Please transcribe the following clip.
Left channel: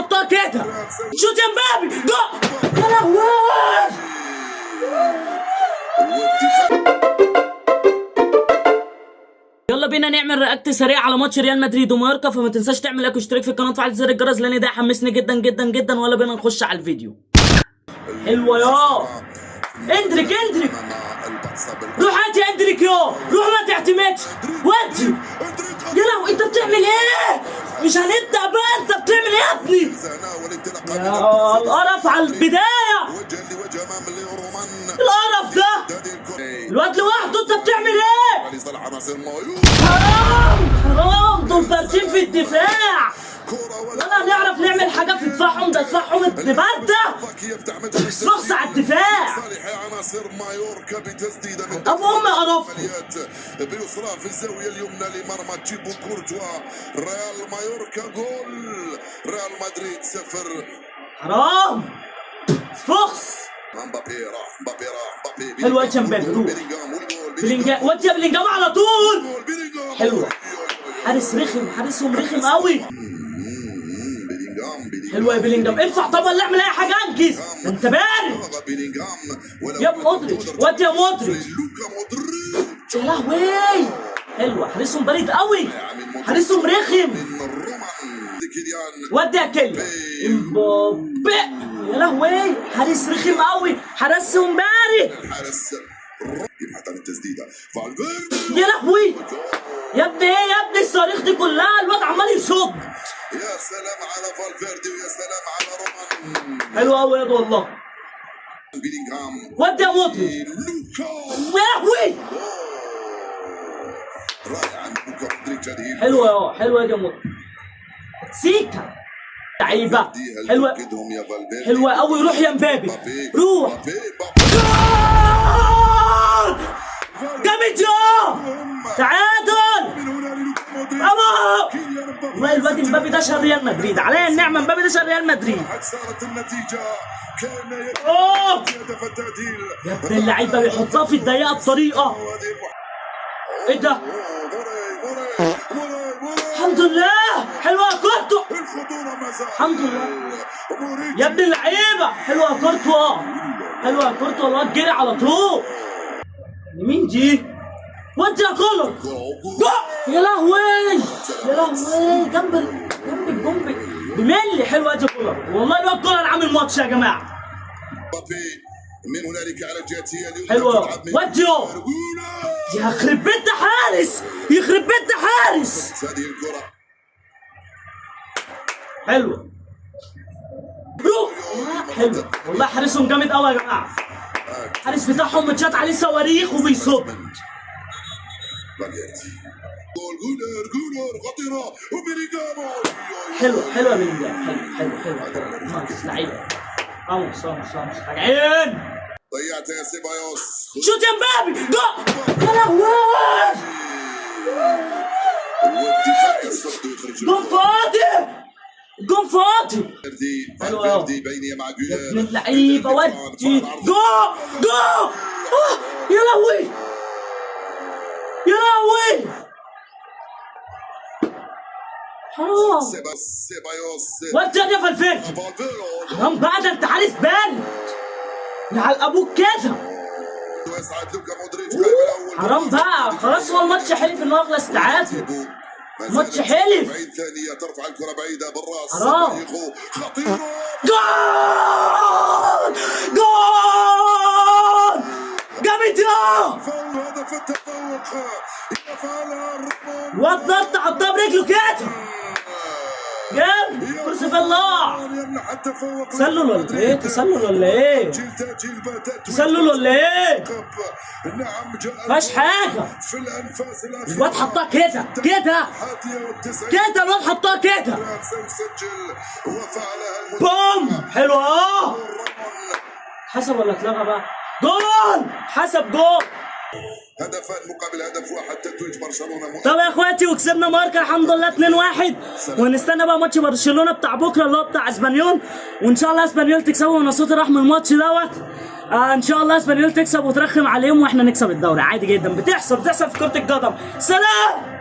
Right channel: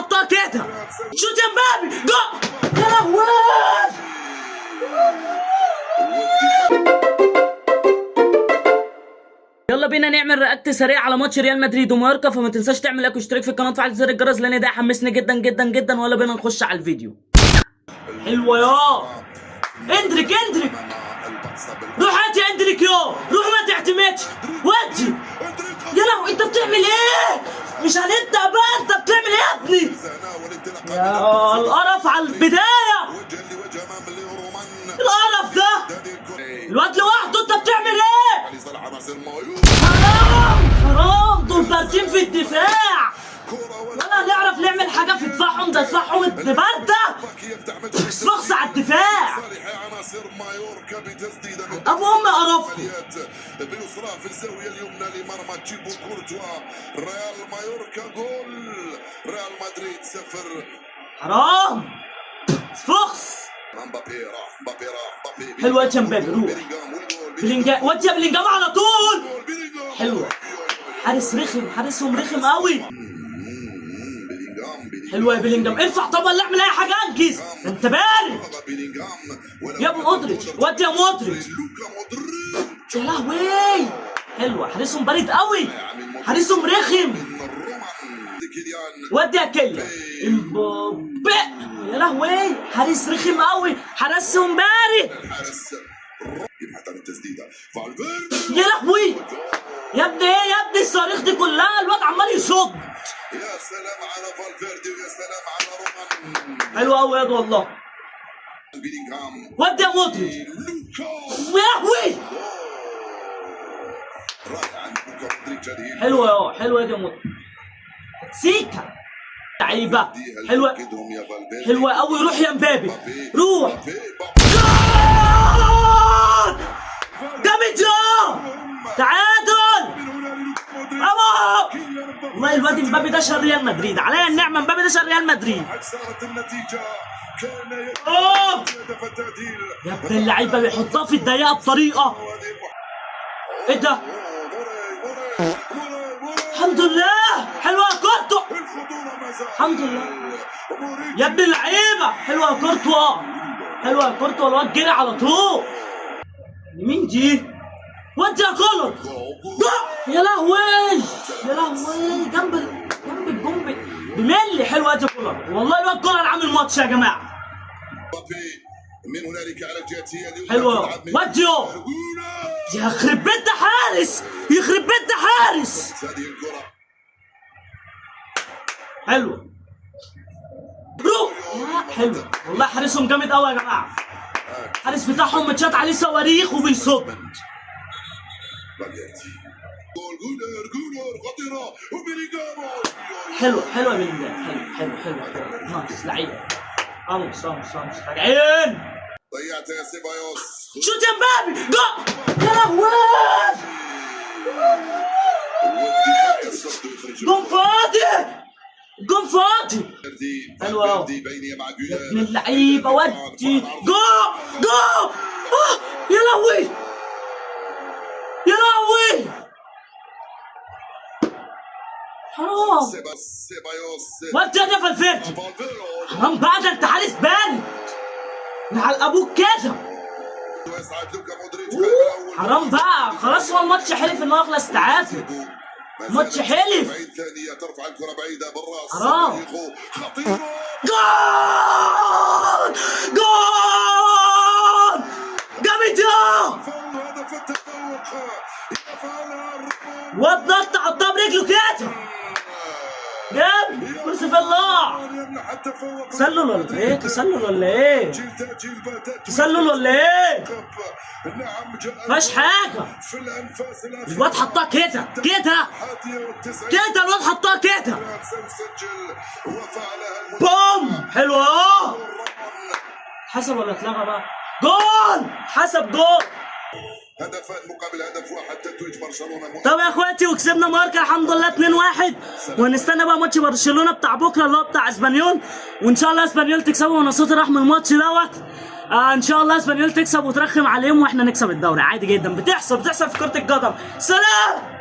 حطها كده. شوت يا مبابي جول. يا لهوي. يلا بينا نعمل رياكت سريع على ماتش ريال مدريد ومايوركا، فما تنساش تعمل لايك واشتراك في القناه وتفعل زر الجرس لان ده حمسني جدا جدا جدا. ويلا بينا نخش على الفيديو. حلوه يا اندريك. روح هات يا اندريك روح ما تعتمدش ودي. يا لهوي انت بتعمل ايه؟ مش هنبدا بقى، انت بتعمل ايه يا ابني؟ يا القرف على البدايه، القرف ده الواد لوحده، انت بتعمل ايه؟ حرام دول باردين في الدفاع، ولا نعرف نعمل حاجه في دفاعهم، ده دفاعهم ابن بارده. بص على الدفاع ابو امي قرفكم. بيسرى في الزاويه اليمنى لمرمى تشيبو كورتوا. ريال مايوركا جول، ريال مدريد 0. حرام فخس. مبابي راح. حلوه يا مبابي، روح بلينجهام، ودي يا بلينجهام على طول. حلوه، حارس رخم، حارسهم رخم قوي. حلوه يا بلينجهام، ارفع طبعا، لا اعمل اي حاجه، انجز، انت بارد يا مودريتش، ودي يا مودريتش. يا لهوي حلوه، حارسهم بارد قوي، حارسهم رخم. ودي يا كيليان امبابي. يا لهوي حارس رخم قوي، حارسهم بارد. يا لهوي يا ابني، ايه يا ابني الصواريخ دي كلها؟ الواد عمال يصد. يا سلام على فالفيردي ويا سلام على رومان. حلو قوي يا والله. ودي يا مودريتش. يا لهوي حلوه حلوه يا مودريتش. سيكا لعيبه حلوه، حلوه قوي. روح يا مبابي روح. جامد يا تعادل. ابو والله الواد مبابي ده شر ريال مدريد، عليا النعمه مبابي ده شر ريال مدريد. يا ابن اللعيبه بيحطها في الضيقه بطريقه. ايه ده؟ الحمد لله حلوه كورتوا، الحمد لله يا ابن اللعيبه. حلوه كورتوا، حلوه كورتوا، الواد جري على طول. مين دي؟ ودي يا كولر. يا لهوي يا لهوي، جنب الجون بملي. حلوه دي كولر، والله الواد كولر عامل ماتش يا جماعه. من هنالك على الجهه حلوه وديو. يخرب بيت ده حارس، يخرب بيت ده حارس. حلوه روح. حلوه والله، حارسهم جامد قوي يا جماعه. الحارس بتاعهم متشات عليه صواريخ وبيصد. حلوه حلوه بلينجهام، حلو نايس لعيب. راموس راجعين. ضيعت يا سيبايوس. شوت يا مبابي جول. يا لهوي جون فاضي، جون فاضي. حلوه قوي من اللعيبه. ودي جول. يا لهوي يا لهوي حرام. ودي يا فالفيردي. حرام بقى، ده انت حارس بارد على ابوك كده. حرام بقى، خلاص هو الماتش حلف ان هو يخلص تعادل. ماتش حلف. حرام. جول جامد يا واد، نط حطها برجله كده. جامد كرسي في الله. تسلل ولا ايه؟ تسلل ولا ايه؟ مفيهاش حاجة. الواد حطها كده الواد حطها كده. بوم. حلوة اهو. حسب ولا اتلغى بقى؟ جول. حسب جول. هدفان مقابل هدف واحد، تتويج برشلونه. طب يا اخواتي، وكسبنا ماركا الحمد لله 2-1. ونستنى بقى ماتش برشلونه بتاع بكره اللي هو بتاع اسبانيول، وان شاء الله اسبانيول تكسبوا. وانا صوتي راح من الماتش دوت. ان شاء الله اسبانيول تكسب وترخم عليهم واحنا نكسب الدوري عادي جدا. بتحصل في كره القدم. سلام.